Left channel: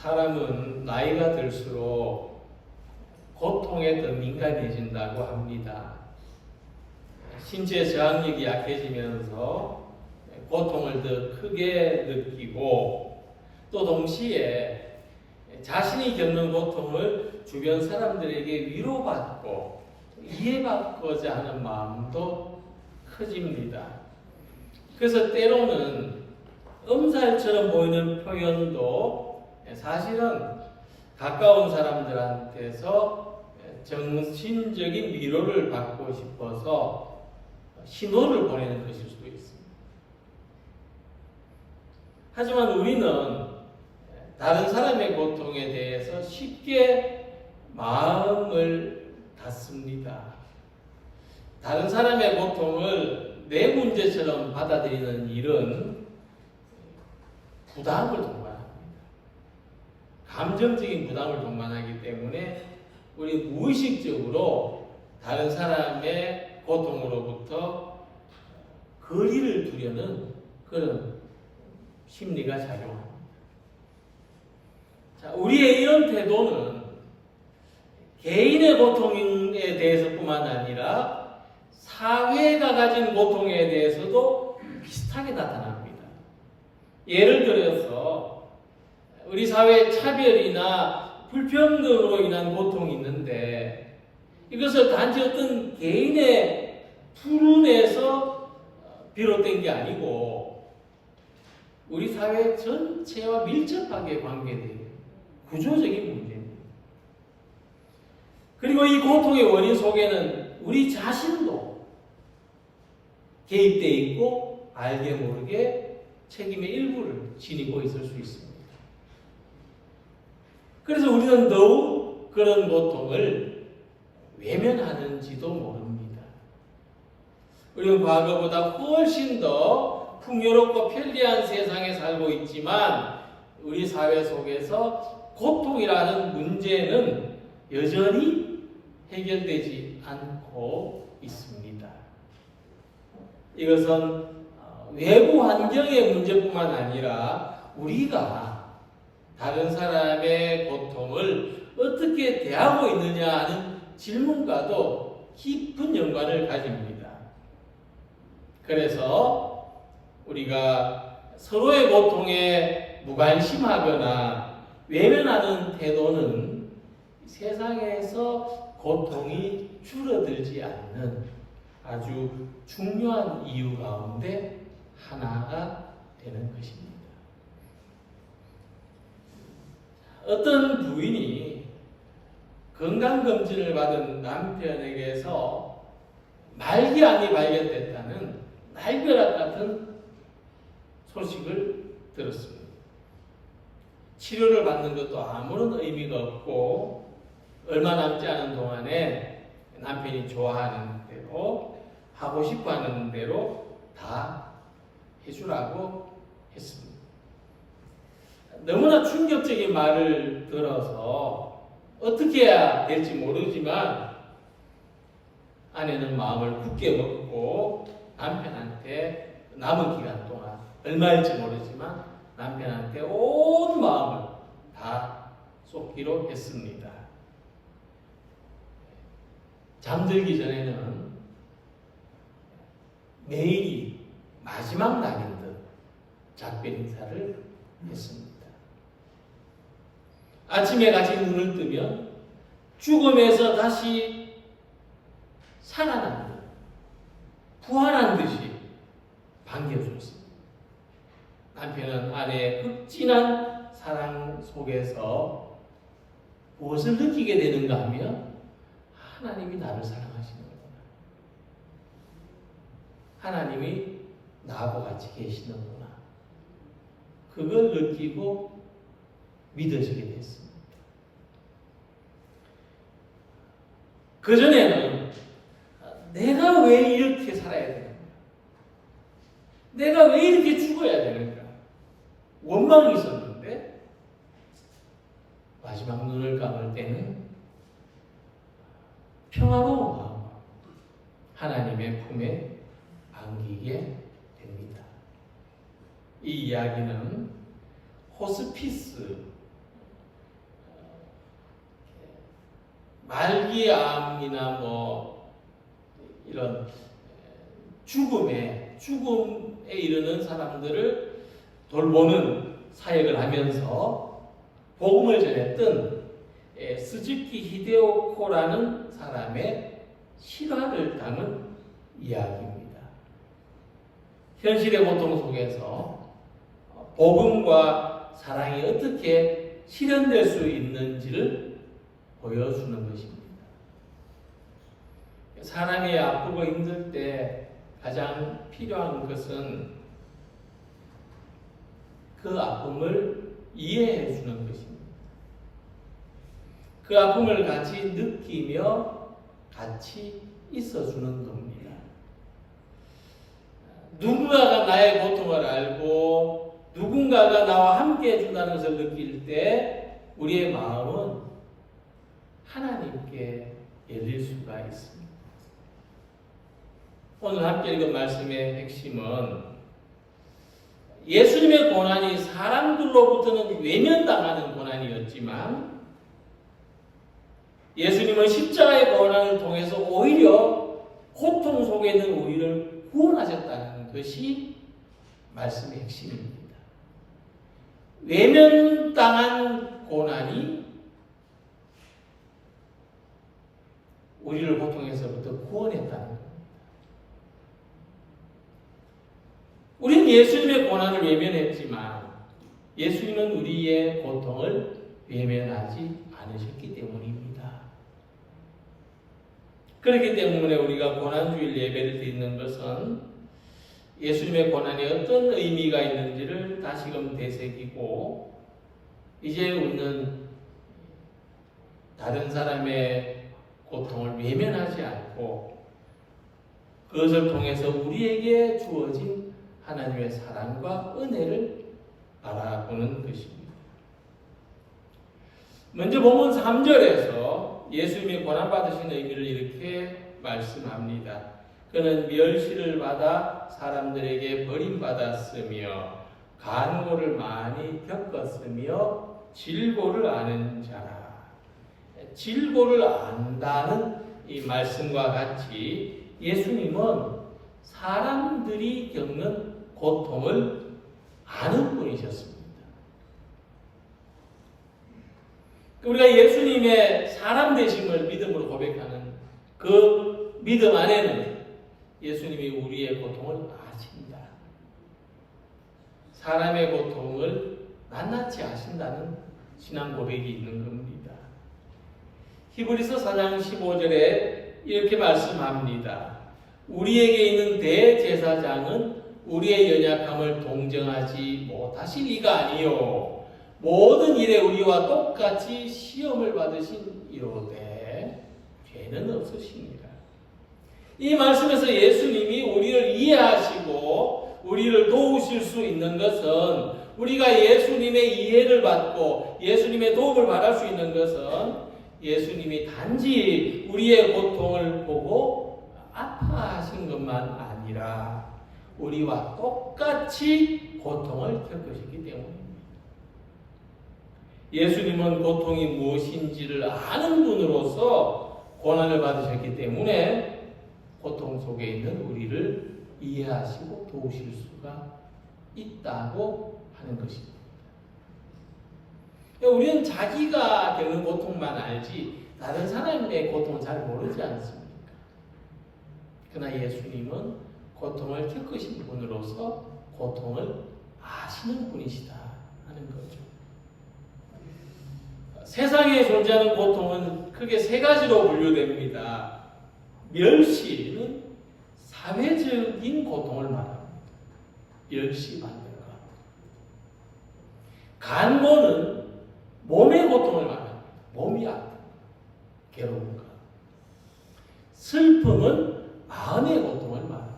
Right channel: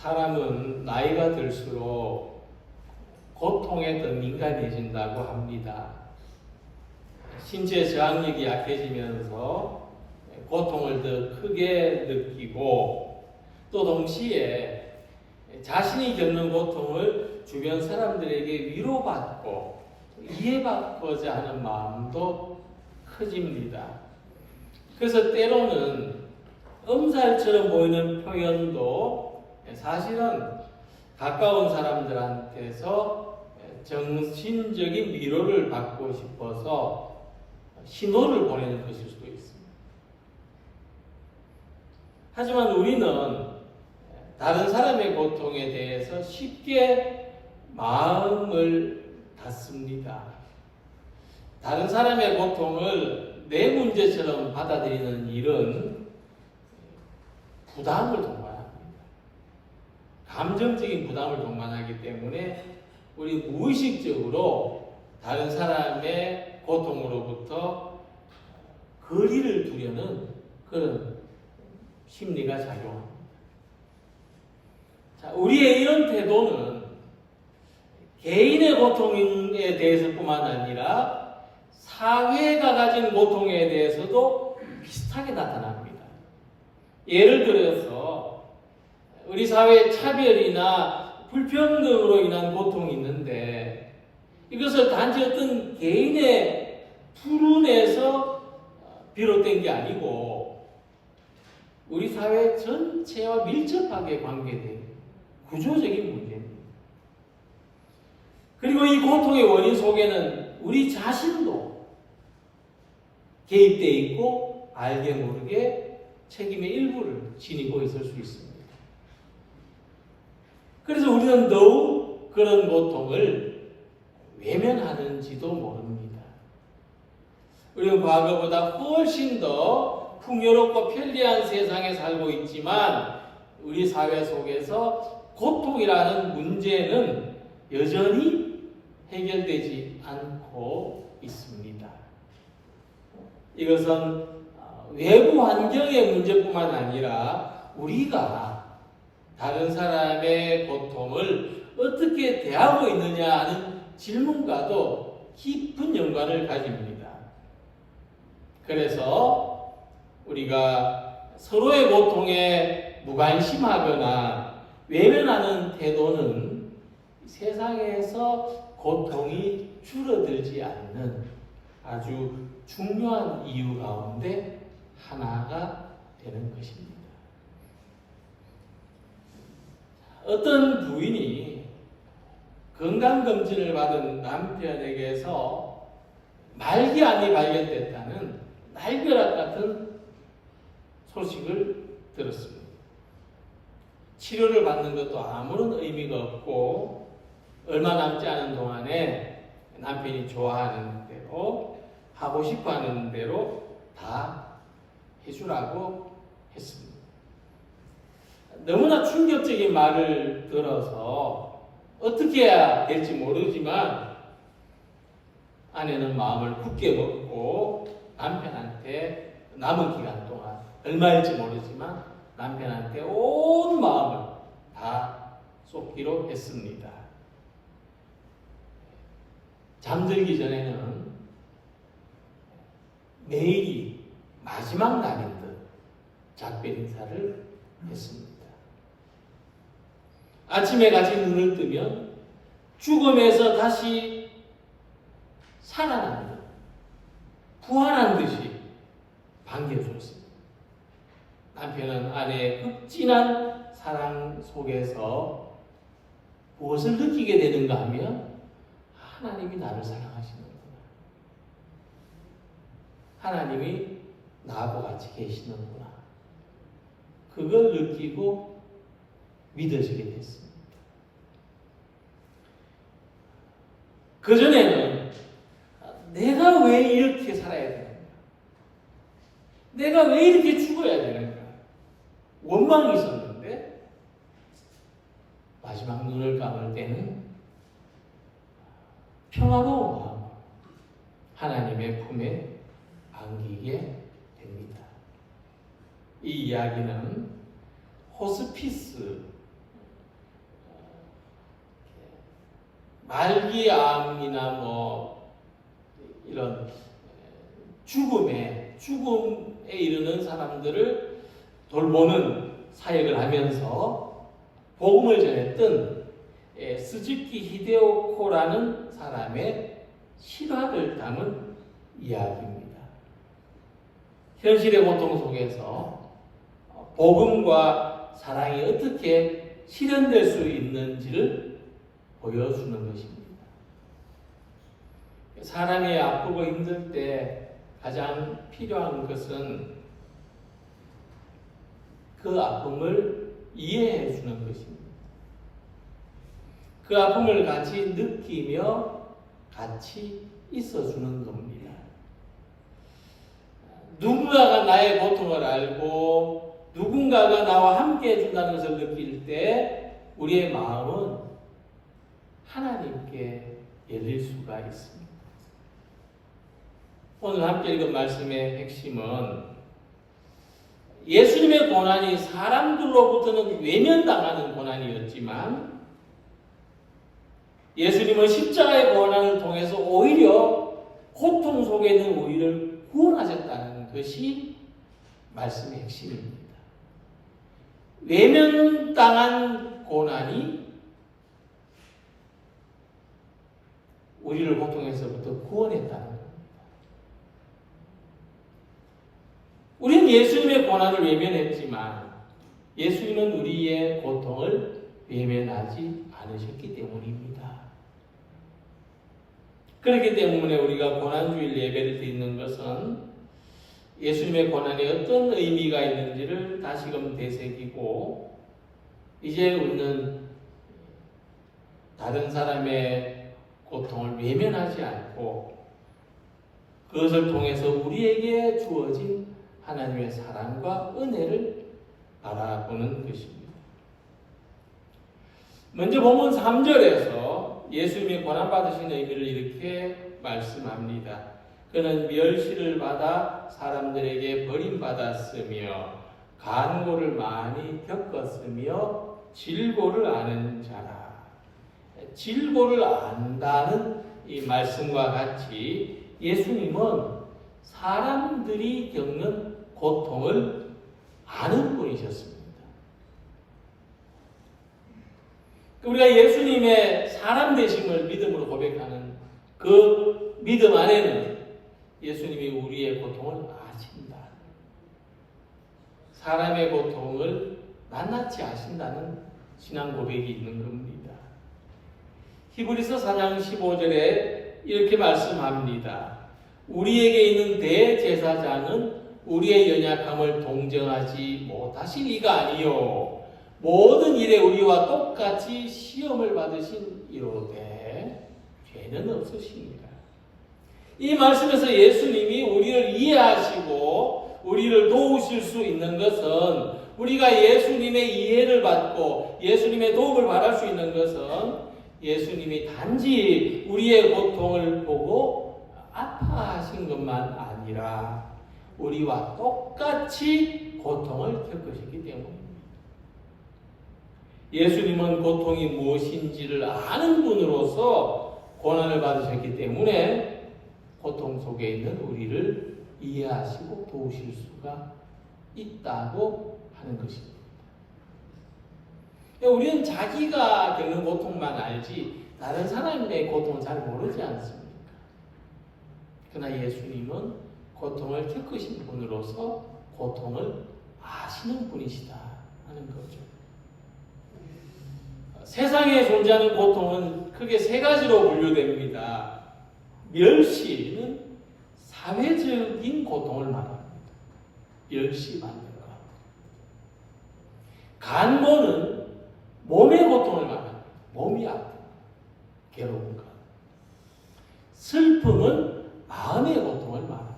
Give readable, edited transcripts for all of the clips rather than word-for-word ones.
사람은 나이가 들수록 고통에 더 민감해진다고 합니다. 신체 저항력이 약해지면서 고통을 더 크게 느끼고 또 동시에 자신이 겪는 고통을 주변 사람들에게 위로받고 이해받고자 하는 마음도 커집니다. 그래서 때로는 엄살처럼 보이는 표현도 사실은 가까운 사람들한테서 정신적인 위로를 받고 싶어서 신호를 보내는 것일 수도 있습니다. 하지만 우리는 다른 사람의 고통에 대해서 쉽게 마음을 닫습니다. 다른 사람의 고통을 내 문제처럼 받아들이는 일은 부담을 동반합니다. 감정적인 부담을 동반하기 때문에 우리 무의식적으로 다른 사람의 고통으로부터 거리를 두려는 그런 심리가 작용합니다. 자, 우리의 이런 태도는 개인의 고통에 대해서뿐만 아니라 사회가 가진 고통에 대해서도 비슷하게 나타납니다. 예를 들어서 우리 사회의 차별이나 불평등으로 인한 고통이 있는데 이것을 단지 어떤 개인의 불운에서 비롯된 게 아니고 우리 사회 전체와 밀접하게 관계된 구조적인 문제입니다. 그리고 이 고통의 원인 속에는 우리 자신도 개입되어 있고 알게 모르게 책임의 일부를 지니고 있을 수 있습니다. 그래서 우리는 더욱 그런 고통을 외면하는지도 모릅니다. 우리는 과거보다 훨씬 더 풍요롭고 편리한 세상에 살고 있지만 우리 사회 속에서 고통이라는 문제는 여전히 해결되지 않고 있습니다. 이것은 외부 환경의 문제뿐만 아니라 우리가 다른 사람의 고통을 어떻게 대하고 있느냐 하는 질문과도 깊은 연관을 가집니다. 그래서 우리가 서로의 고통에 무관심하거나 외면하는 태도는 세상에서 고통이 줄어들지 않는 아주 중요한 이유 가운데 하나가 되는 것입니다. 어떤 부인이 건강검진을 받은 남편에게서 말기암이 발견됐다는 날벼락 같은 소식을 들었습니다. 치료를 받는 것도 아무런 의미가 없고 얼마 남지 않은 동안에 남편이 좋아하는 대로 하고 싶어하는 대로 다 해주라고 했습니다. 너무나 충격적인 말을 들어서 어떻게 해야 될지 모르지만 아내는 마음을 굳게 먹고 남편한테 남은 기간 동안 얼마일지 모르지만 남편한테 온 마음을 다 쏟기로 했습니다. 잠들기 전에는 매일이 마지막 날인 듯 작별 인사를 했습니다. 아침에 같이 눈을 뜨면 죽음에서 다시 살아난 듯, 부활한 듯이 반겨주었습니다. 남편은 아내의 극진한 사랑 속에서 무엇을 느끼게 되는가 하면 하나님이 나를 사랑하시는구나. 하나님이 나하고 같이 계시는구나. 그걸 느끼고 믿어지게 됐습니다. 그전에는 내가 왜 이렇게 살아야 되는가? 내가 왜 이렇게 죽어야 되는가? 원망이 있었는데 마지막 눈을 감을 때는 평화로운 마음 하나님의 품에 안기게 됩니다. 이 이야기는 호스피스 말기암이나 이런 죽음에 이르는 사람들을 돌보는 사역을 하면서 복음을 전했던 스즈키 히데오코라는 사람의 실화를 담은 이야기입니다. 현실의 고통 속에서 복음과 사랑이 어떻게 실현될 수 있는지를 보여주는 것입니다. 사람이 아프고 힘들 때 가장 필요한 것은 그 아픔을 이해해 주는 것입니다. 그 아픔을 같이 느끼며 같이 있어 주는 겁니다. 누군가가 나의 고통을 알고 누군가가 나와 함께 해준다는 것을 느낄 때 우리의 마음은 하나님께 열릴 수가 있습니다. 오늘 함께 읽은 말씀의 핵심은 예수님의 고난이 사람들로부터는 외면당하는 고난이었지만 예수님은 십자가의 고난을 통해서 오히려 고통 속에 있는 우리를 구원하셨다는 것이 말씀의 핵심입니다. 외면당한 고난이 우리를 고통에서부터 구원했다는 겁니다. 우리는 예수님의 고난을 외면했지만 예수님은 우리의 고통을 외면하지 않으셨기 때문입니다. 그렇기 때문에 우리가 고난주일 예배를 드리는 것은 예수님의 고난이 어떤 의미가 있는지를 다시금 되새기고 이제 우리는 다른 사람의 고통을 외면하지 않고 그것을 통해서 우리에게 주어진 하나님의 사랑과 은혜를 바라보는 것입니다. 먼저 본문 3절에서 예수님이 고난받으신 의미를 이렇게 말씀합니다. 그는 멸시를 받아 사람들에게 버림받았으며 간고를 많이 겪었으며 질고를 아는 자라. 질고를 안다는 이 말씀과 같이 예수님은 사람들이 겪는 고통을 아는 분이셨습니다. 우리가 예수님의 사람 되심을 믿음으로 고백하는 그 믿음 안에는 예수님이 우리의 고통을 아신다. 사람의 고통을 낱낱이 아신다는 신앙 고백이 있는 겁니다. 히브리서 4장 15절에 이렇게 말씀합니다. 우리에게 있는 대제사장은 우리의 연약함을 동정하지 못하실 이가 아니요 모든 일에 우리와 똑같이 시험을 받으신 이로되 죄는 없으십니다. 이 말씀에서 예수님이 우리를 이해하시고 우리를 도우실 수 있는 것은 우리가 예수님의 이해를 받고 예수님의 도움을 받을 수 있는 것은 예수님이 단지 우리의 고통을 보고 아파하신 것만 아니라 우리와 똑같이 고통을 겪으시기 때문입니다. 예수님은 고통이 무엇인지를 아는 분으로서 고난을 받으셨기 때문에 고통 속에 있는 우리를 이해하시고 도우실 수가 있다고 하는 것입니다. 우리는 자기가 겪는 고통만 알지 다른 사람의 고통은 잘 모르지 않습니까? 그러나 예수님은 고통을 겪으신 분으로서 고통을 아시는 분이시다 하는 거죠. 세상에 존재하는 고통은 크게 세 가지로 분류됩니다. 멸시는 사회적인 고통을 말합니다. 멸시받는 것. 간고는 몸의 고통을 말합니다. 몸이 아픈 괴로운 것. 슬픔은 마음의 고통을 말합니다.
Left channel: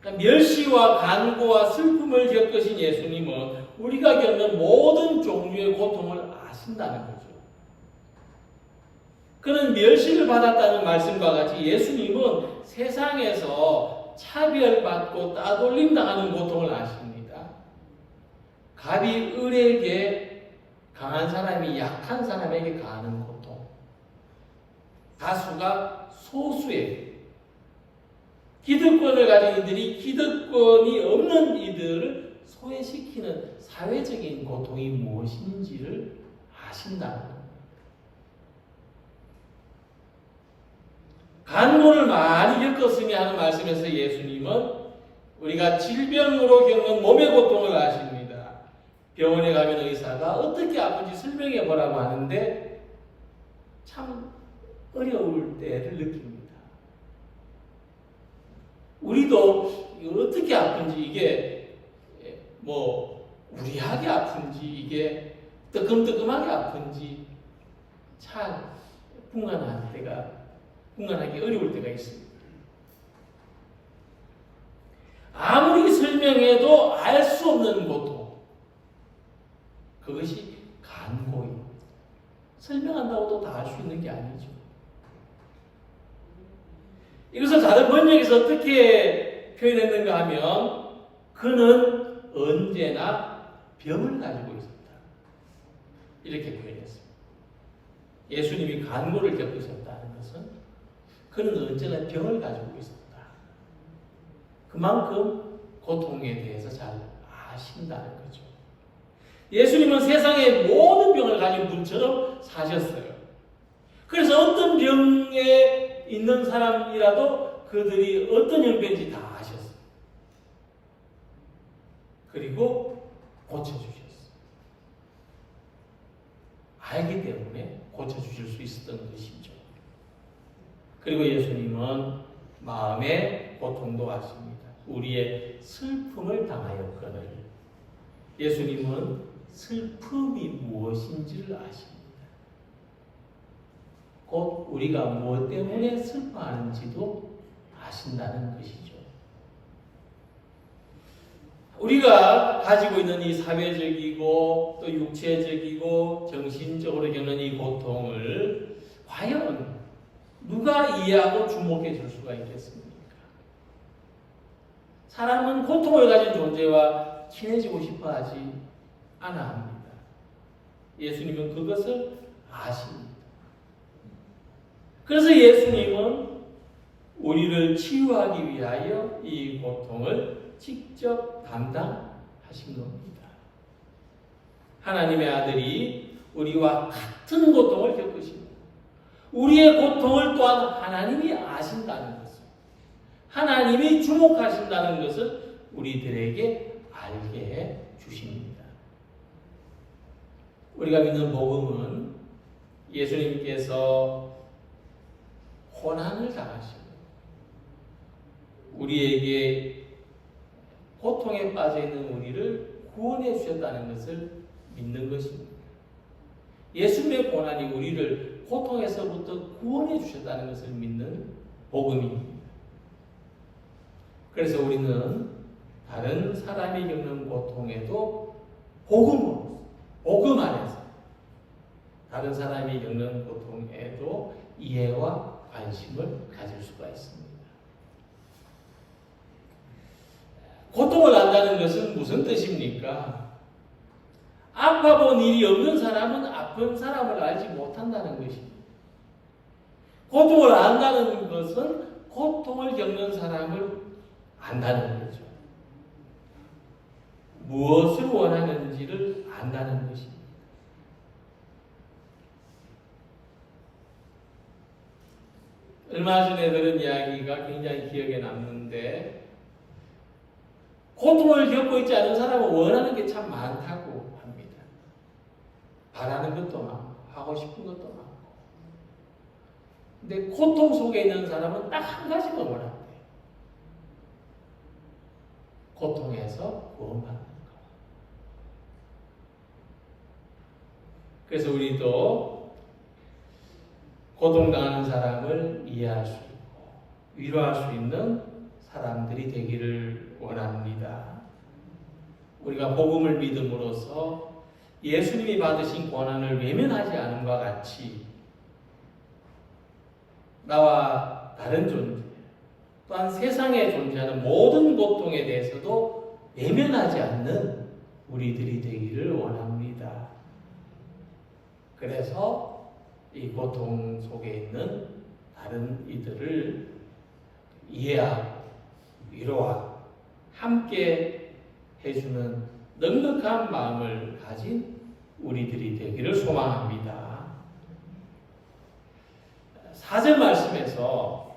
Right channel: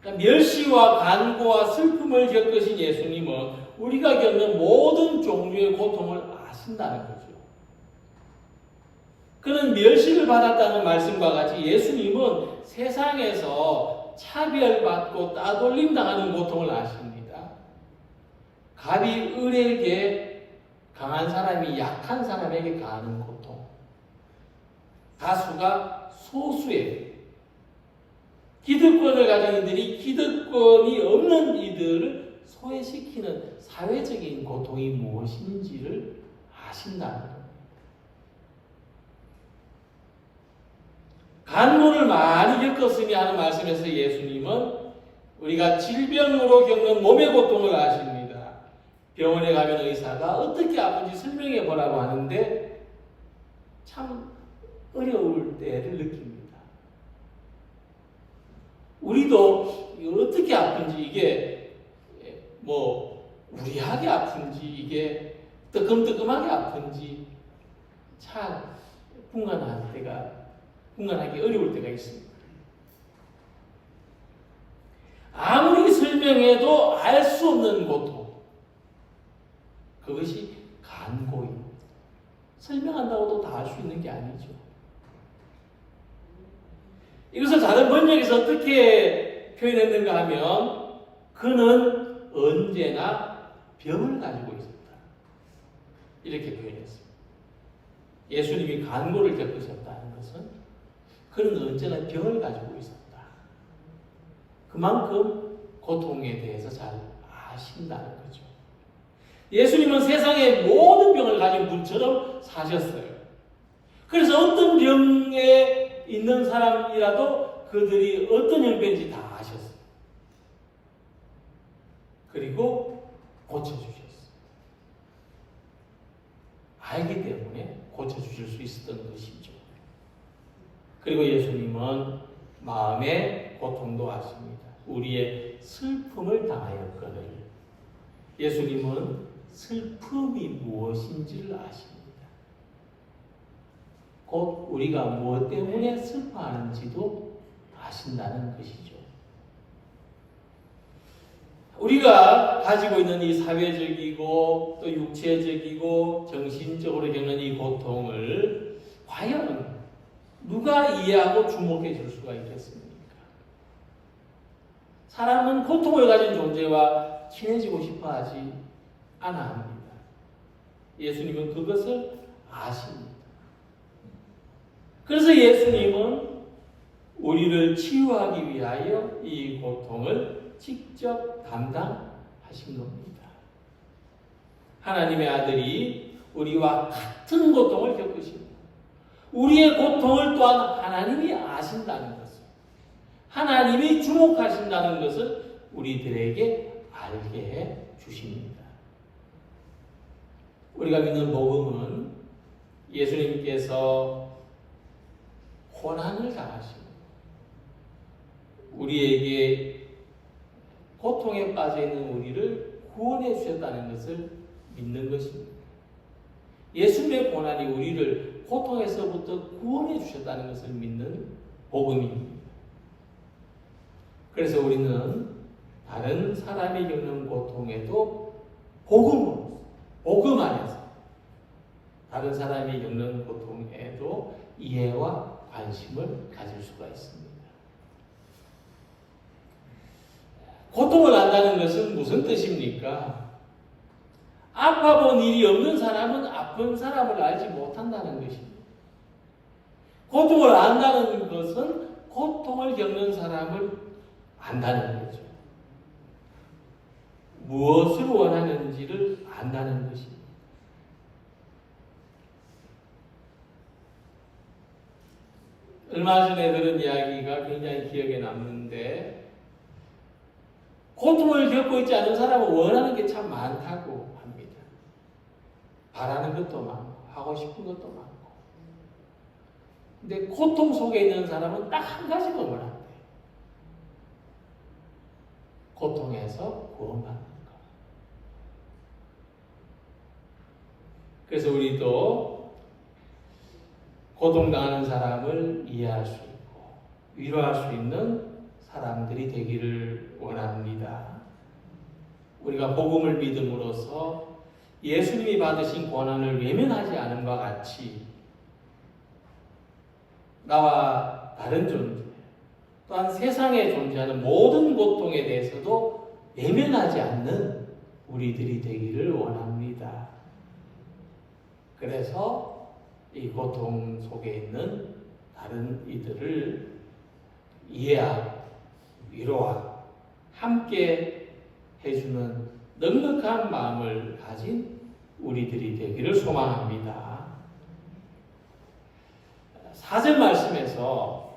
그러니까 멸시와 간고와 슬픔을 겪으신 예수님은 우리가 겪는 모든 종류의 고통을 아신다는 거죠. 그는 멸시를 받았다는 말씀과 같이 예수님은 세상에서 차별받고 따돌림 당하는 고통을 아십니다. 갑이 을에게 강한 사람 사람이 약한 사람에게 가하는 고통, 다수가 소수의 기득권을 가진 이들이 기득권이 없는 이들을 소외시키는 사회적인 고통이 무엇인지를 아신다는 겁니다. 간모를 많이 겪었으니 하는 말씀에서 예수님은 우리가 질병으로 겪는 몸의 고통을 아십니다. 병원에 가면 의사가 어떻게 아픈지 설명해 보라고 하는데 참 어려울 때를 느낍니다. 우리도 어떻게 아픈지 이게 뭐 우리하게 아픈지 이게 뜨끔뜨끔하게 아픈지 참 분간하기 어려울 때가 있습니다. 아무리 설명해도 알 수 없는 고통, 그것이 간고입니다. 설명한다고도 다 알 수 있는 게 아니죠. 이것을 다른 번역에서 어떻게 표현했는가 하면 그는 언제나 병을 가지고 있었다. 이렇게 표현했습니다. 예수님이 간고를 겪으셨다는 것은 그는 언제나 병을 가지고 있었다. 그만큼 고통에 대해서 잘 아신다는 거죠. 예수님은 세상의 모든 병을 가진 분처럼 사셨어요. 그래서 어떤 병에 있는 사람이라도 그들이 어떤 형편인지 다 아셨어요. 그리고 고쳐주셨어요. 알기 때문에 고쳐주실 수 있었던 것이죠. 그리고 예수님은 마음의 고통도 아십니다. 우리의 슬픔을 당하였거늘 예수님은 슬픔이 무엇인지를 아십니다. 곧 우리가 무엇 때문에 슬퍼하는지도 아신다는 것이죠. 우리가 가지고 있는 이 사회적이고 또 육체적이고 정신적으로 겪는 이 고통을 과연 누가 이해하고 주목해 줄 수가 있겠습니까? 사람은 고통을 가진 존재와 친해지고 싶어 하지 않아 합니다. 예수님은 그것을 아십니다. 그래서 예수님은 우리를 치유하기 위하여 이 고통을 직접 담당하신 겁니다. 하나님의 아들이 우리와 같은 고통을 겪으시고 우리의 고통을 또한 하나님이 아신다는 것을, 하나님이 주목하신다는 것을 우리들에게 알게 해 주십니다. 우리가 믿는 복음은 예수님께서 고난을 당하시고 우리에게 고통에 빠져 있는 우리를 구원해 주셨다는 것을 믿는 것입니다. 예수님의 고난이 우리를 고통에서부터 구원해 주셨다는 것을 믿는 복음입니다. 그래서 우리는 다른 사람이 겪는 고통에도 복음 안에서 다른 사람이 겪는 고통에도 이해와 관심을 가질 수가 있습니다. 고통을 안다는 것은 무슨 뜻입니까? 아파본 일이 없는 사람은 아픈 사람을 알지 못한다는 것입니다. 고통을 안다는 것은 고통을 겪는 사람을 안다는 거죠. 무엇을 원하는지를 안다는 것입니다. 얼마 전에 들은 이야기가 굉장히 기억에 남는데 고통을 겪고 있지 않은 사람은 원하는 게 참 많다고 합니다. 바라는 것도 많고 하고 싶은 것도 많고 근데 고통 속에 있는 사람은 딱 한 가지만 원한대요. 고통에서 구원받는 것. 그래서 우리도 고통당하는 사람을 이해할 수 있고 위로할 수 있는 사람들이 되기를 원합니다. 우리가 복음을 믿음으로써 예수님이 받으신 고난을 외면하지 않음과 같이 나와 다른 존재 또한 세상에 존재하는 모든 고통에 대해서도 외면하지 않는 우리들이 되기를 원합니다. 그래서 이 고통 속에 있는 다른 이들을 이해하고 위로하고 함께 해주는 넉넉한 마음을 가진 우리들이 되기를 소망합니다. 4절 말씀에서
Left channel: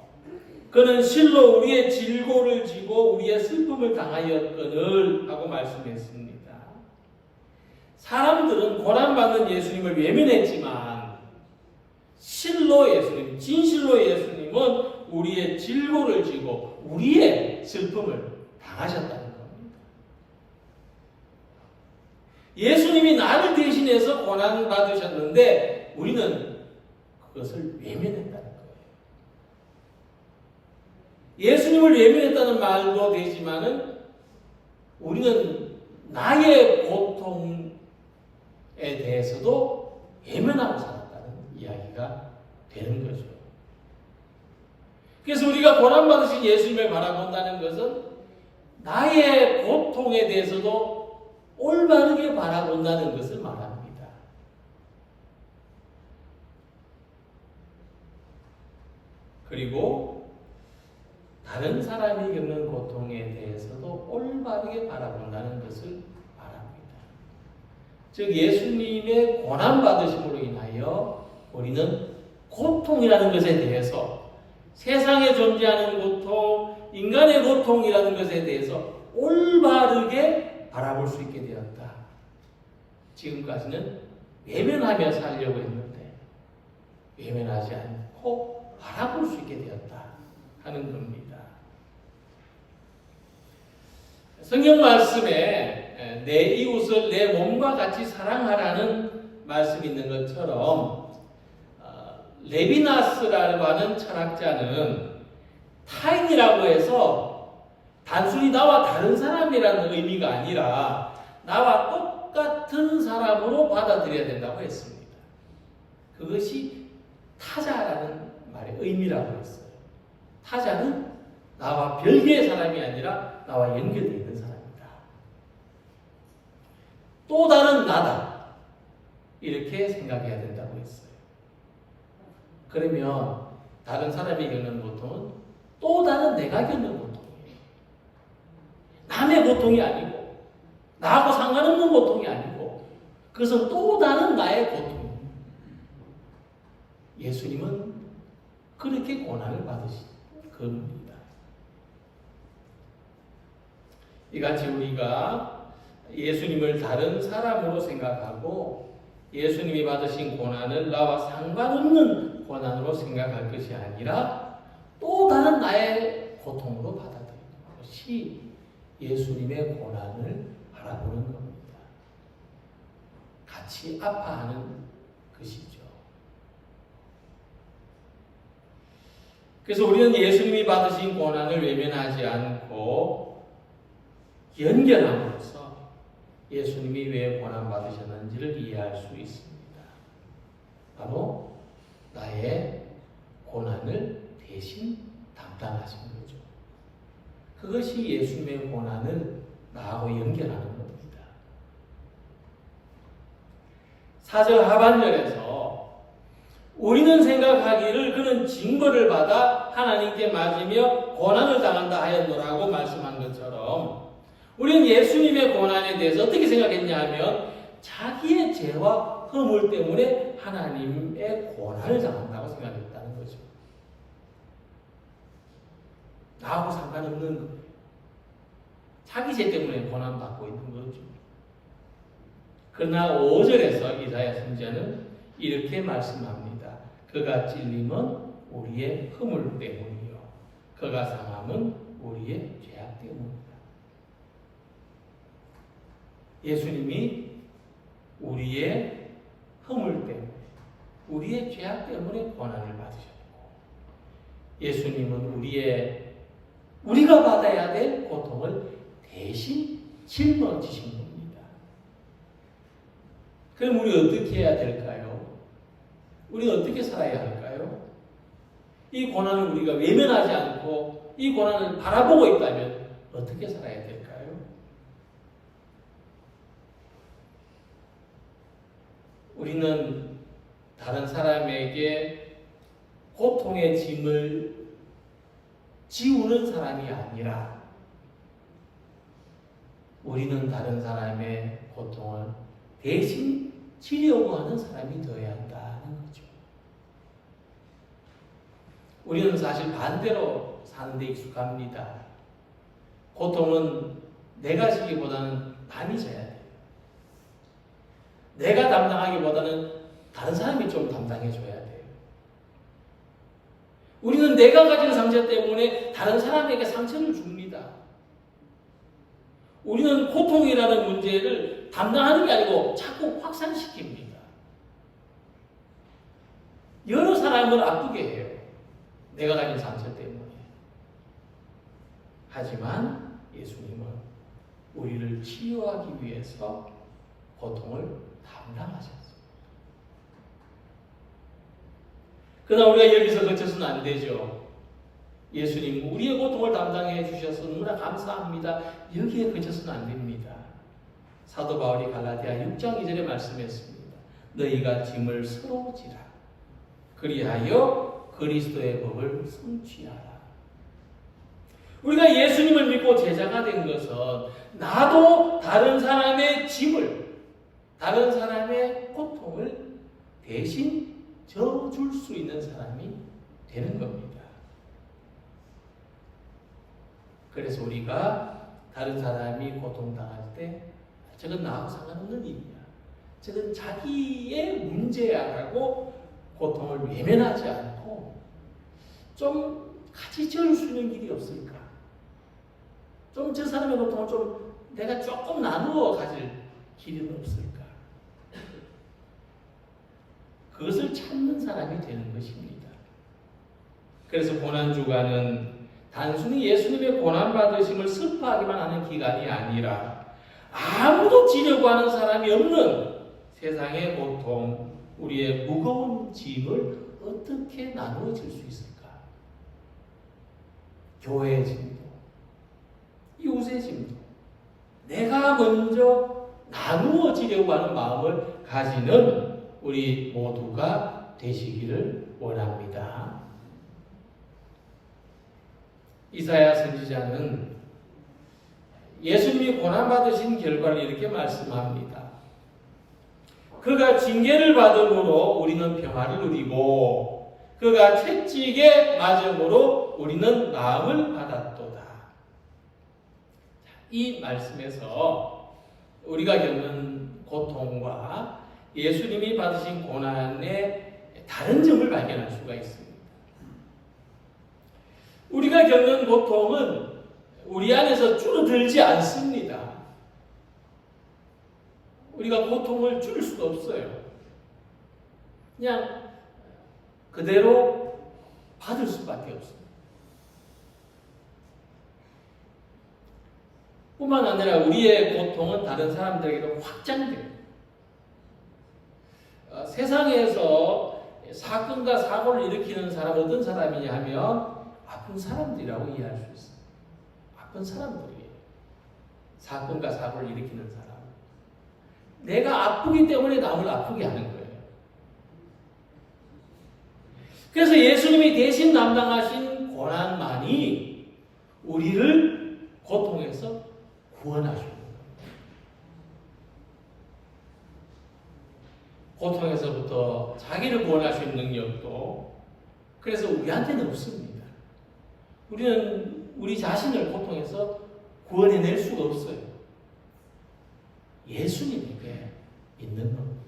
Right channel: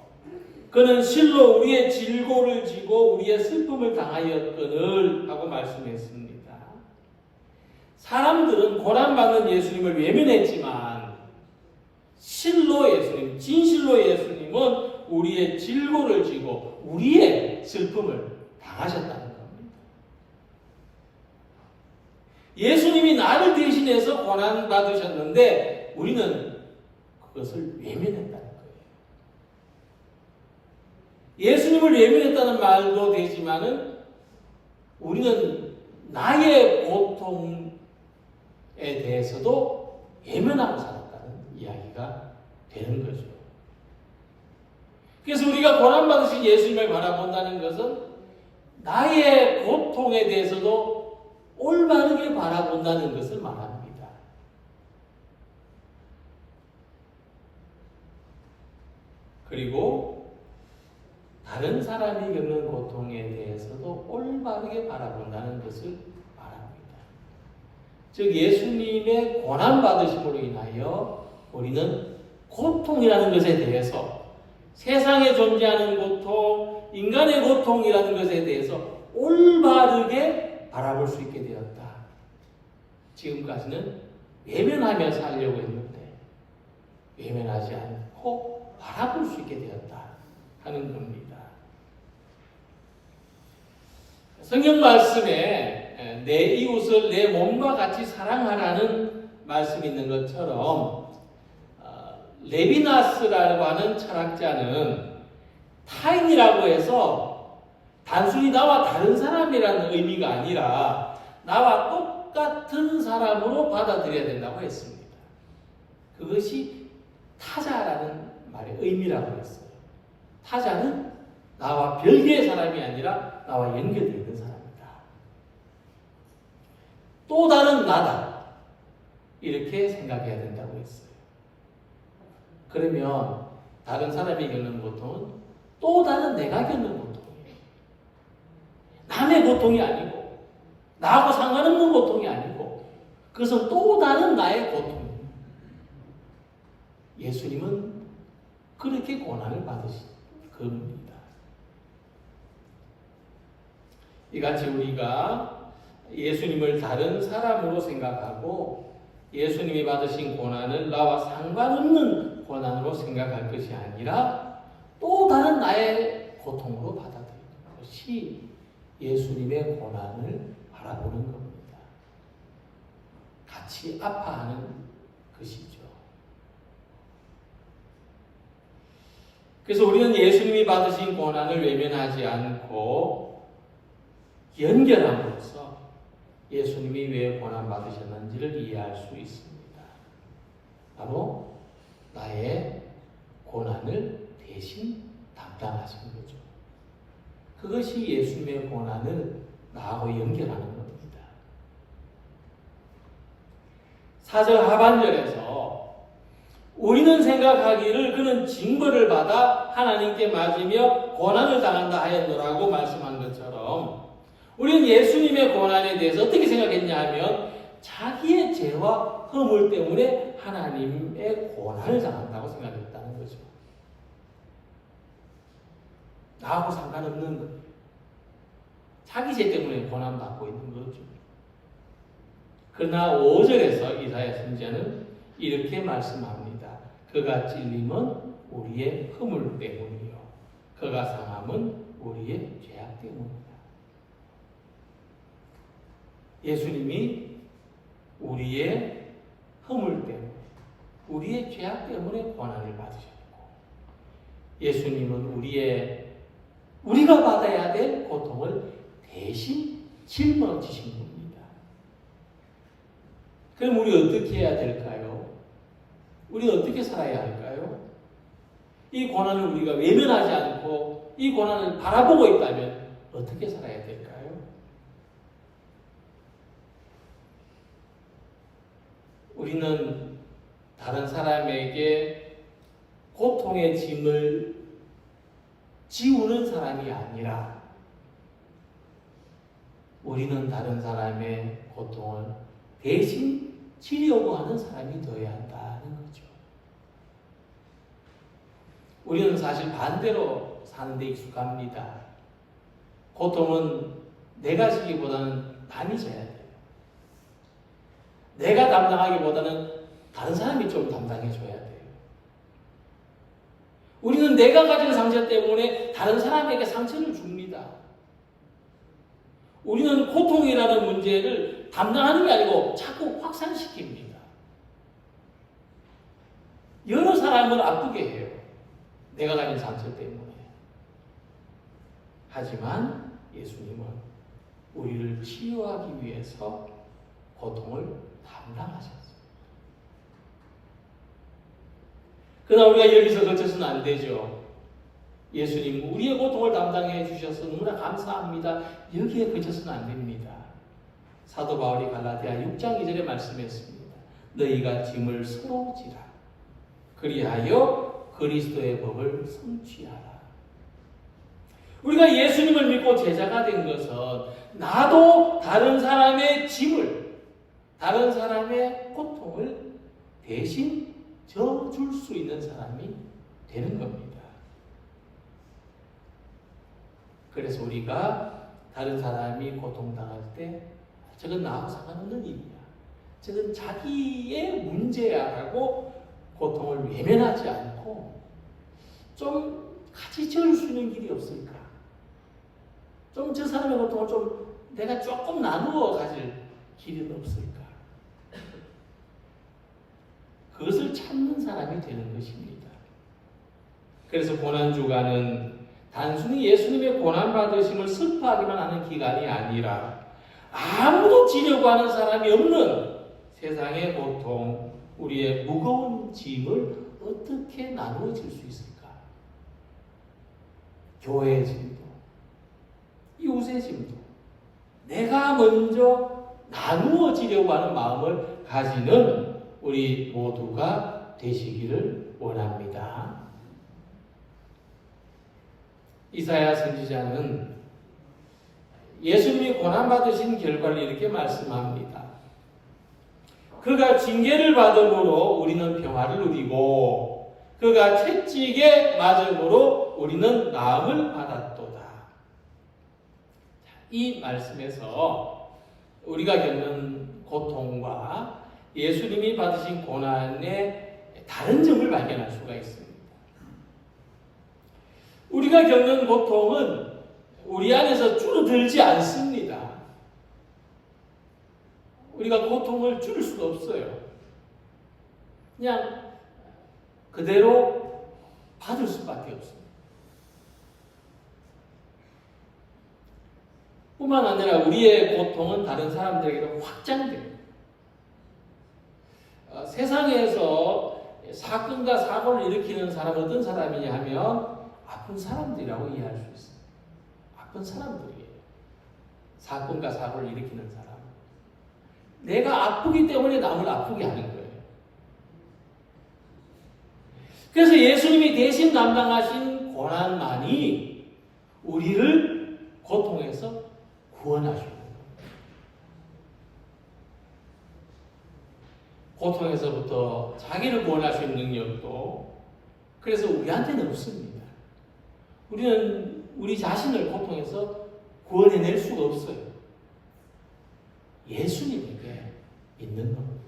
그는 실로 우리의 질고를 지고 우리의 슬픔을 당하였거늘 하고 말씀했습니다. 사람들은 고난받는 예수님을 외면했지만 실로 예수님, 진실로 예수님은 우리의 질고를 지고 우리의 슬픔을 당하셨다는 겁니다. 예수님이 나를 대신해서 고난받으셨는데 우리는 그것을 외면했다는 거예요. 예수님을 외면했다는 말도 되지만은 우리는 나의 고통에 대해서도 외면하고 살았다는 이야기가 되는 거죠. 그래서 우리가 고난받으신 예수님을 바라본다는 것은 나의 고통에 대해서도 올바르게 바라본다는 것을 말합니다. 그리고 다른 사람이 겪는 고통에 대해서도 올바르게 바라본다는 것을 말합니다. 즉 예수님의 고난받으심으로 인하여 우리는 고통이라는 것에 대해서 세상에 존재하는 고통, 인간의 고통이라는 것에 대해서 올바르게 바라볼 수 있게 되었다. 지금까지는 외면하며 살려고 했는데 외면하지 않고 바라볼 수 있게 되었다 하는 겁니다. 성경 말씀에 내 이웃을 내 몸과 같이 사랑하라는 말씀이 있는 것처럼 레비나스라고 하는 철학자는 타인이라고 해서 단순히 나와 다른 사람이라는 의미가 아니라 나와 똑같은 사람으로 받아들여야 된다고 했습니다. 그것이 타자라는 말의 의미라고 했어요. 타자는 나와 별개의 사람이 아니라 나와 연결되어 있는 사람이다. 또 다른 나다. 이렇게 생각해야 된다고 했어요. 그러면 다른 사람이 겪는 고통은 또 다른 내가 겪는 고통이에요. 남의 고통이 아니고 나하고 상관없는 고통이 아니고 그것은 또 다른 나의 고통입니다. 예수님은 그렇게 고난을 받으신 겁니다. 이같이 우리가 예수님을 다른 사람으로 생각하고 예수님이 받으신 고난을 나와 상관없는 고난으로 생각할 것이 아니라 또 다른 나의 고통으로 받아들이는 것이 예수님의 고난을 바라보는 겁니다. 같이 아파하는 것이죠. 그래서 우리는 예수님이 받으신 고난을 외면하지 않고 연결함으로써 예수님이 왜 고난 받으셨는지를 이해할 수 있습니다. 바로 나의 고난을 대신 담당하신 거죠. 그것이 예수님의 고난을 나하고 연결하는 겁니다. 4절 하반절에서 우리는 생각하기를 그는 징벌을 받아 하나님께 맞으며 고난을 당한다 하였노라고 말씀한 것처럼 우리는 예수님의 고난에 대해서 어떻게 생각했냐 하면 자기의 죄와 허물 때문에 하나님의 고난을 당한다고 생각했다는 거죠. 나하고 상관없는 거예요. 자기 죄 때문에 고난받고 있는 거죠. 그러나 5절에서 이사야 선지자는 이렇게 말씀합니다. 그가 찔림은 우리의 허물 때문이요 그가 상함은 우리의 죄악 때문이다. 예수님이 우리의 허물 때문에 우리의 죄악 때문에 고난을 받으셨고 예수님은 우리가 받아야 될 고통을 대신 짊어지신 겁니다. 그럼 우리 어떻게 해야 될까요? 우리는 어떻게 살아야 할까요? 이 고난을 우리가 외면하지 않고 이 고난을 바라보고 있다면 어떻게 살아야 될까요? 우리는 다른 사람에게 고통의 짐을 지우는 사람이 아니라 우리는 다른 사람의 고통을 대신 지려고 하는 사람이 되어야 한다는 거죠. 우리는 사실 반대로 사는 데 익숙합니다. 고통은 내가 지기보다는 남이 져야 돼요. 내가 담당하기보다는 다른 사람이 좀 담당해줘야 돼요. 우리는 내가 가진 상처 때문에 다른 사람에게 상처를 줍니다. 우리는 고통이라는 문제를 담당하는 게 아니고 자꾸 확산시킵니다. 여러 사람을 아프게 해요. 내가 가진 상처 때문에. 하지만 예수님은 우리를 치유하기 위해서 고통을 담당하셨습니다. 그러나 우리가 여기서 그쳐서는 안 되죠. 예수님 우리의 고통을 담당해 주셔서 너무나 감사합니다. 여기에 그쳐서는 안 됩니다. 사도 바울이 갈라디아 6장 2절에 말씀했습니다. 너희가 짐을 서로 지라. 그리하여 그리스도의 법을 성취하라. 우리가 예수님을 믿고 제자가 된 것은 나도 다른 사람의 짐을, 다른 사람의 고통을 대신 져줄 수 있는 사람이 되는 겁니다. 그래서 우리가 다른 사람이 고통당할 때 저건 나하고 상관없는 일이야. 저건 자기의 문제야 하고 고통을 외면하지 않고 좀 같이 져줄 수 있는 길이 없을까? 좀 저 사람의 고통을 좀 내가 조금 나누어 가질 길이 없을까? 그것을 찾는 사람이 되는 것입니다. 그래서 고난주간은 단순히 예수님의 고난받으심을 슬퍼하기만 하는 기간이 아니라 아무도 지려고 하는 사람이 없는 세상의 고통, 우리의 무거운 짐을 어떻게 나누어질 수 있을까? 교회의 짐도, 이웃의 짐도 내가 먼저 나누어지려고 하는 마음을 가지는 우리 모두가 되시기를 원합니다. 이사야 선지자는 예수님이 고난받으신 결과를 이렇게 말씀합니다. 그가 징계를 받음으로 우리는 평화를 누리고 그가 채찍에 맞음으로 우리는 나음을 받았도다. 이 말씀에서 우리가 겪는 고통과 예수님이 받으신 고난의 다른 점을 발견할 수가 있습니다. 우리가 겪는 고통은 우리 안에서 줄어들지 않습니다. 우리가 고통을 줄일 수가 없어요. 그냥 그대로 받을 수밖에 없습니다. 뿐만 아니라 우리의 고통은 다른 사람들에게도 확장돼요. 세상에서 사건과 사고를 일으키는 사람은 어떤 사람이냐 하면 아픈 사람들이라고 이해할 수 있어요. 아픈 사람들이에요. 사건과 사고를 일으키는 사람. 내가 아프기 때문에 남을 아프게 하는 거예요. 그래서 예수님이 대신 담당하신 고난만이 우리를 고통에서 구원하시는 거예요. 고통에서부터 자기를 구원하시는 능력도 그래서 우리한테는 없습니다. 우리는 우리 자신을 고통에서 구원해낼 수가 없어요. 예수님에게 있는 겁니다.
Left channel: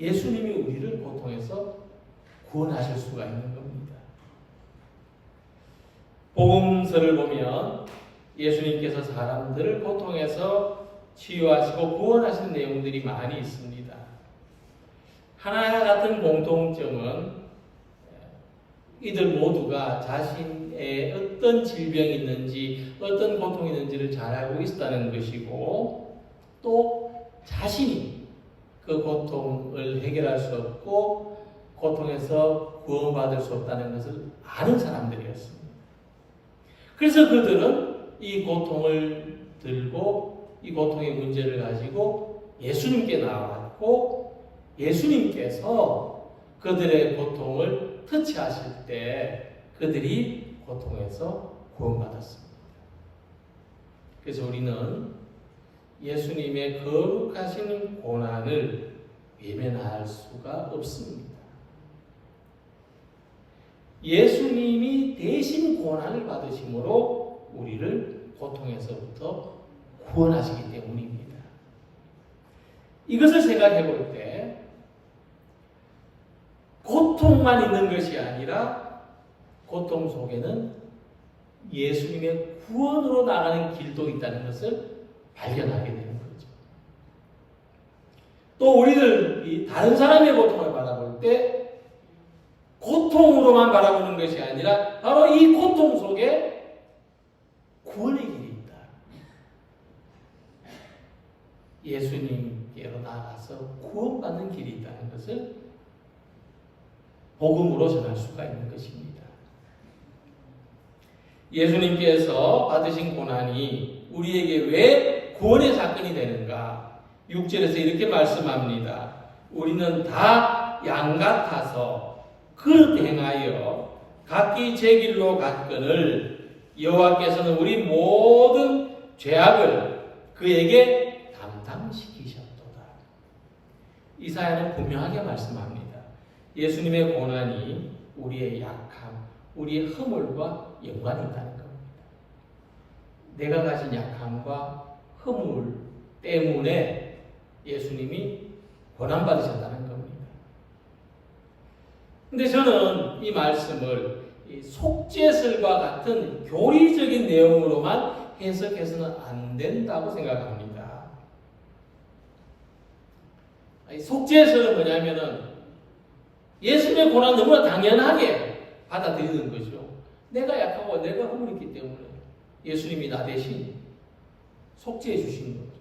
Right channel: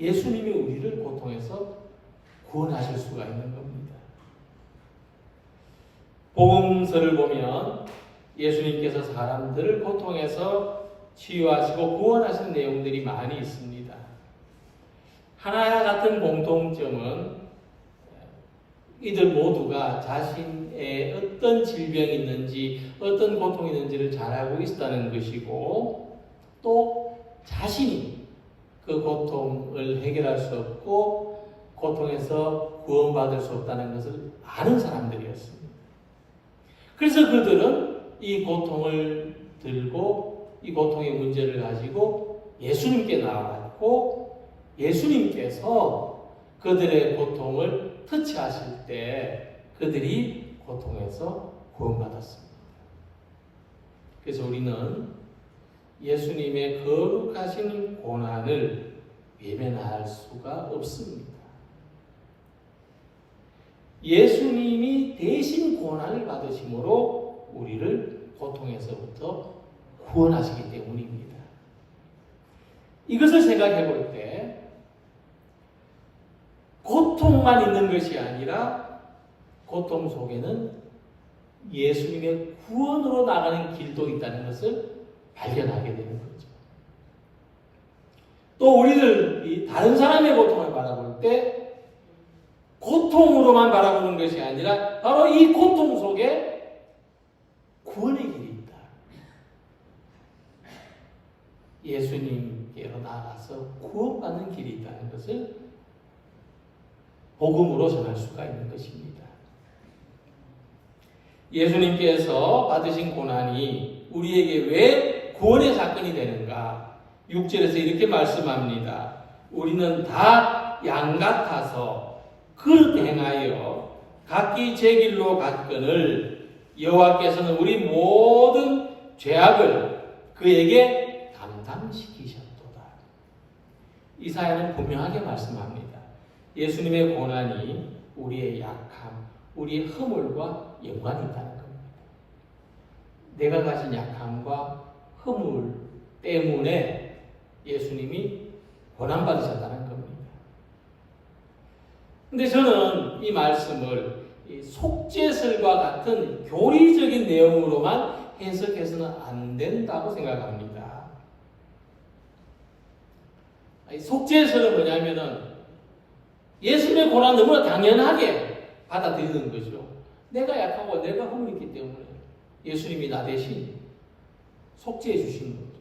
예수님이 우리를 고통에서 구원하실 수가 있는 겁니다. 복음서를 보면 예수님께서 사람들을 고통에서 치유하시고 구원하신 내용들이 많이 있습니다. 하나와 같은 공통점은 이들 모두가 자신의 어떤 질병이 있는지 어떤 고통이 있는지를 잘 알고 있었다는 것이고 또 자신이 그 고통을 해결할 수 없고 고통에서 구원받을 수 없다는 것을 아는 사람들이었습니다. 그래서 그들은 이 고통을 들고 이 고통의 문제를 가지고 예수님께 나왔고 예수님께서 그들의 고통을 터치하실 때 그들이 고통에서 구원받았습니다. 그래서 우리는 예수님의 거룩하신 고난을 외면할 수가 없습니다. 예수님이 대신 고난을 받으심으로 우리를 고통에서부터 구원하시기 때문입니다. 이것을 생각해 볼 때 고통만 있는 것이 아니라 고통 속에는 예수님의 구원으로 나가는 길도 있다는 것을 발견하게 되는 거죠. 또 우리들이 다른 사람의 고통을 바라볼 때 고통으로만 바라보는 것이 아니라 바로 이 고통 속에 구원의 길이 있다. 예수님께로 나아가서 구원받는 길이 있다는 것을 복음으로 전할 수가 있는 것입니다. 예수님께서 받으신 고난이 우리에게 왜 구원의 사건이 되는가? 6절에서 이렇게 말씀합니다. 우리는 다 양 같아서 그릇 행하여 각기 제 길로 갔거늘 여호와께서는 우리 모든 죄악을 그에게 담당시키셨도다. 이사야는 분명하게 말씀합니다. 예수님의 고난이 우리의 약함, 우리의 허물과 연관이 있다는 겁니다. 내가 가진 약함과 허물 때문에 예수님이 고난받으셨다는 겁니다. 근데 저는 이 말씀을 속죄설과 같은 교리적인 내용으로만 해석해서는 안 된다고 생각합니다. 속죄설은 뭐냐면은 예수님의 고난 너무나 당연하게 받아들이는 거죠. 내가 약하고 내가 허물이 있기 때문에 예수님이 나 대신 속죄해 주신 거죠.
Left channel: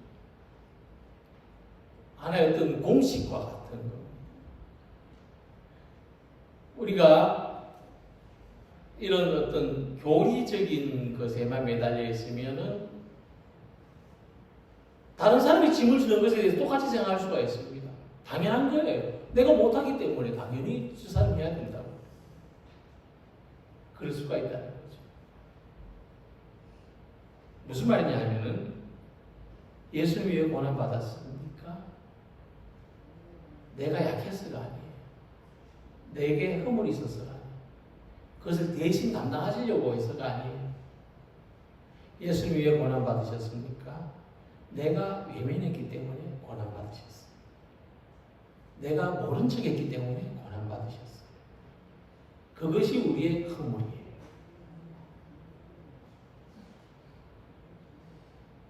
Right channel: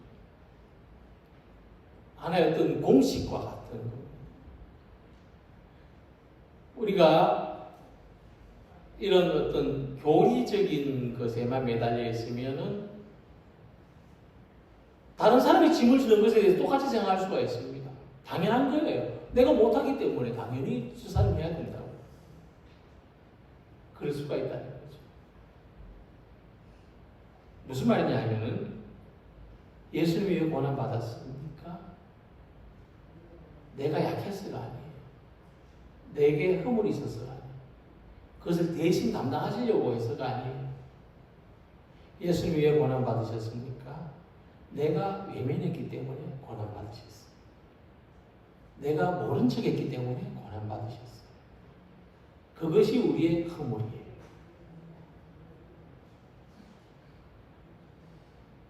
하나의 어떤 공식과 같은 겁니다. 우리가 이런 어떤 교리적인 것에만 매달려 있으면은 다른 사람이 짐을 지는 것에 대해서 똑같이 생각할 수가 있습니다. 당연한 거예요. 내가 못하기 때문에 당연히 저 사람이 해야 된다고. 그럴 수가 있다는 거죠. 무슨 말이냐 하면은 예수님이 왜 고난받았습니까? 내가 약해서가 아니에요. 내게 허물이 있어서가 아니에요. 그것을 대신 담당하시려고 해서가 아니에요. 예수님이 왜 고난받으셨습니까? 내가 외면했기 때문에 고난받으셨어요. 내가 모른 척했기 때문에 고난받으셨어요. 그것이 우리의 허물이에요.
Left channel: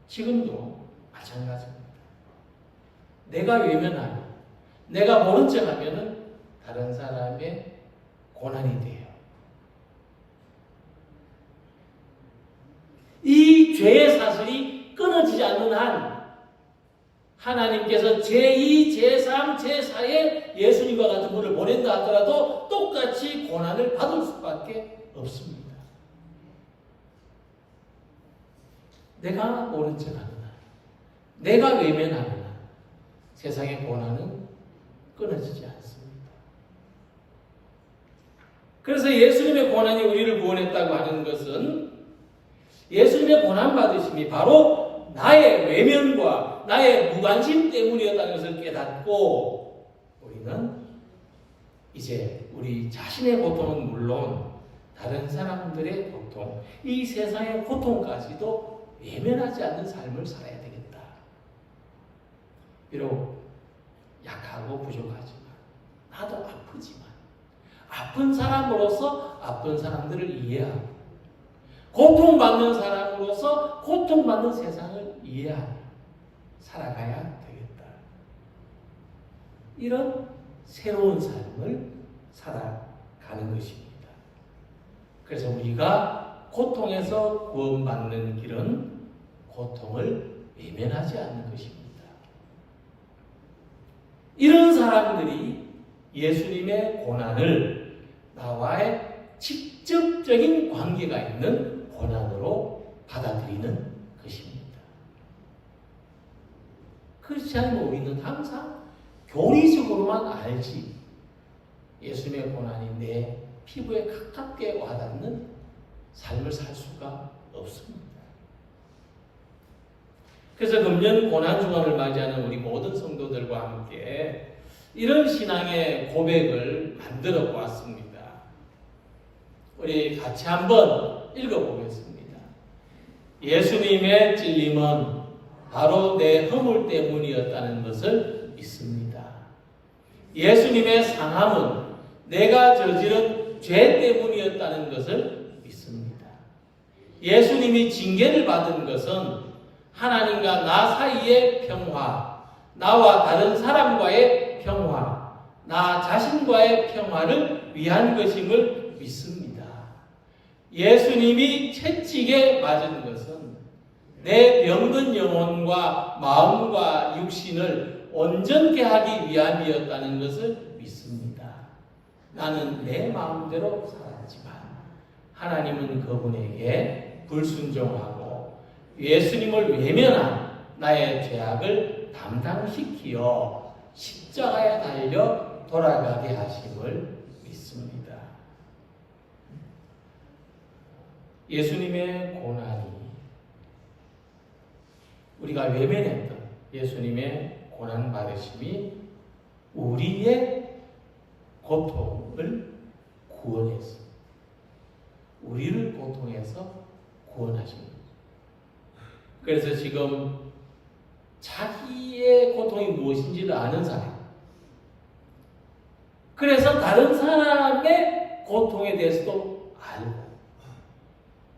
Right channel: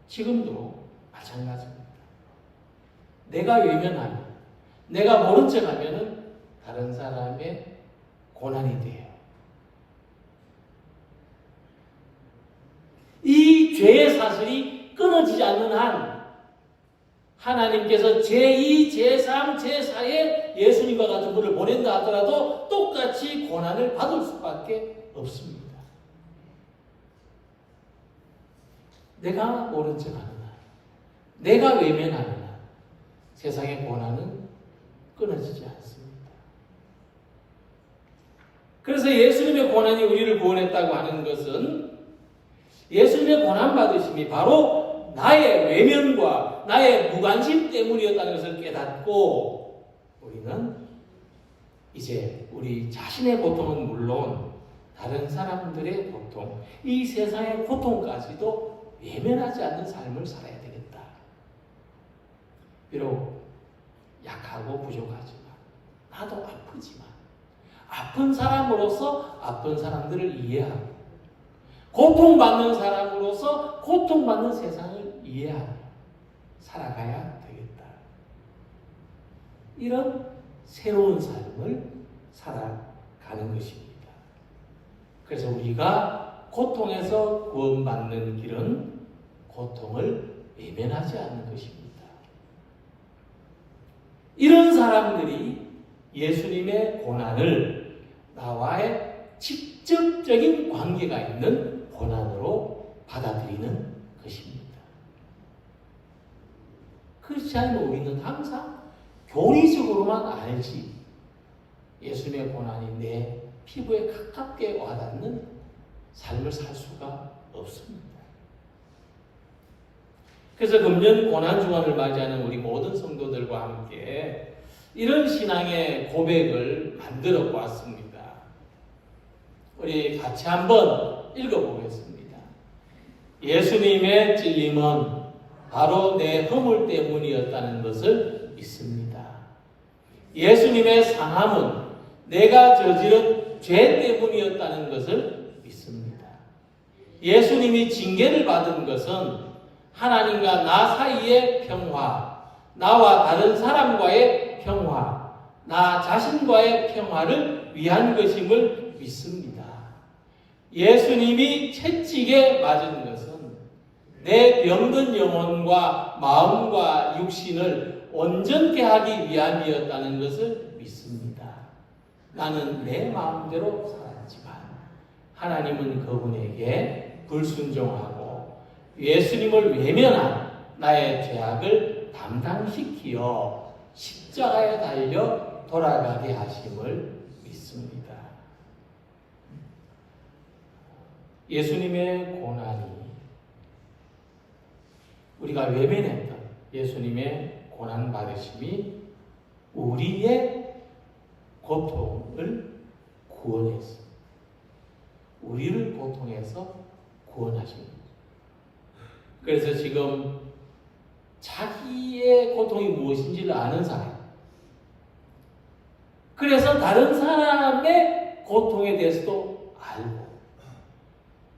지금도 마찬가지입니다. 내가 외면하면, 내가 모른 척하면은 다른 사람의 고난이 돼요. 이 죄의 사슬이 끊어지지 않는 한 하나님께서 제2, 제3, 제4의 예수님과 같은 분을 보낸다 하더라도 똑같이 고난을 받을 수밖에 없습니다. 내가 모른 척하는 한, 내가 외면하는 한 세상의 고난은 끊어지지 않습니다. 그래서 예수님의 고난이 우리를 구원했다고 하는 것은 예수님의 고난받으심이 바로 나의 외면과 나의 무관심 때문이었다는 것을 깨닫고 우리는 이제 우리 자신의 고통은 물론 다른 사람들의 고통, 이 세상의 고통까지도 외면하지 않는 삶을 살아야 되겠다. 비록 약하고 부족하지만 나도 아프지만 아픈 사람으로서 아픈 사람들을 이해하고 고통받는 사람으로서 고통받는 세상을 이해하고 살아가야 되겠다. 이런 새로운 삶을 살아가는 것입니다. 그래서 우리가 고통에서 구원받는 길은 고통을 외면하지 않는 것입니다. 이런 사람들이 예수님의 고난을 나와의 직접적인 관계가 있는 고난으로 받아들이는 것입니다. 그렇지 않으면 우리는 항상 교리적으로만 알지 예수님의 고난이 내 피부에 가깝게 와닿는 삶을 살 수가 없습니다. 그래서 금년 고난주간을 맞이하는 우리 모든 성도들과 함께 이런 신앙의 고백을 만들어 보았습니다. 우리 같이 한번 읽어보겠습니다. 예수님의 찔림은 바로 내 허물 때문이었다는 것을 믿습니다. 예수님의 상함은 내가 저지른 죄 때문이었다는 것을 믿습니다. 예수님이 징계를 받은 것은 하나님과 나 사이의 평화, 나와 다른 사람과의 평화, 나 자신과의 평화를 위한 것임을 믿습니다. 예수님이 채찍에 맞은 것은 내 병든 영혼과 마음과 육신을 온전케 하기 위함이었다는 것을 믿습니다. 나는 내 마음대로 살았지만 하나님은 그분에게 불순종하고 예수님을 외면한 나의 죄악을 담당시키어 십자가에 달려 돌아가게 하심을 믿습니다. 예수님의 고난이 우리가 외면했던 예수님의 고난 받으심이 우리의 고통을 구원했어. 우리를 고통해서 구원하신 거죠. 그래서 지금 자기의 고통이 무엇인지를 아는 사람, 그래서 다른 사람의 고통에 대해서도 알고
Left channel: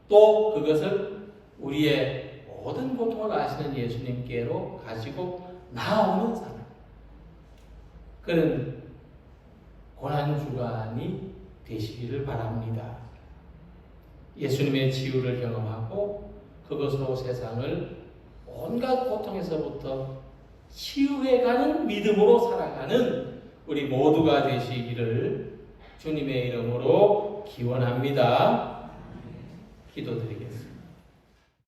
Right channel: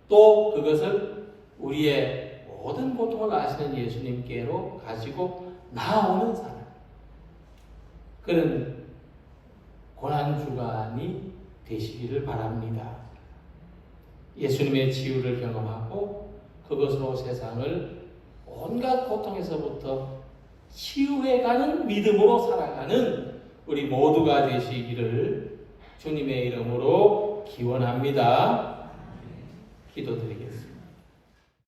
또 그것을 우리의 모든 고통을 아시는 예수님께로 가지고 나오는 사람, 그런 고난주간이 되시기를 바랍니다. 예수님의 치유를 경험하고 그것으로 세상을 온갖 고통에서부터 치유해가는 믿음으로 살아가는 우리 모두가 되시기를 주님의 이름으로 기원합니다. 기도드리겠습니다.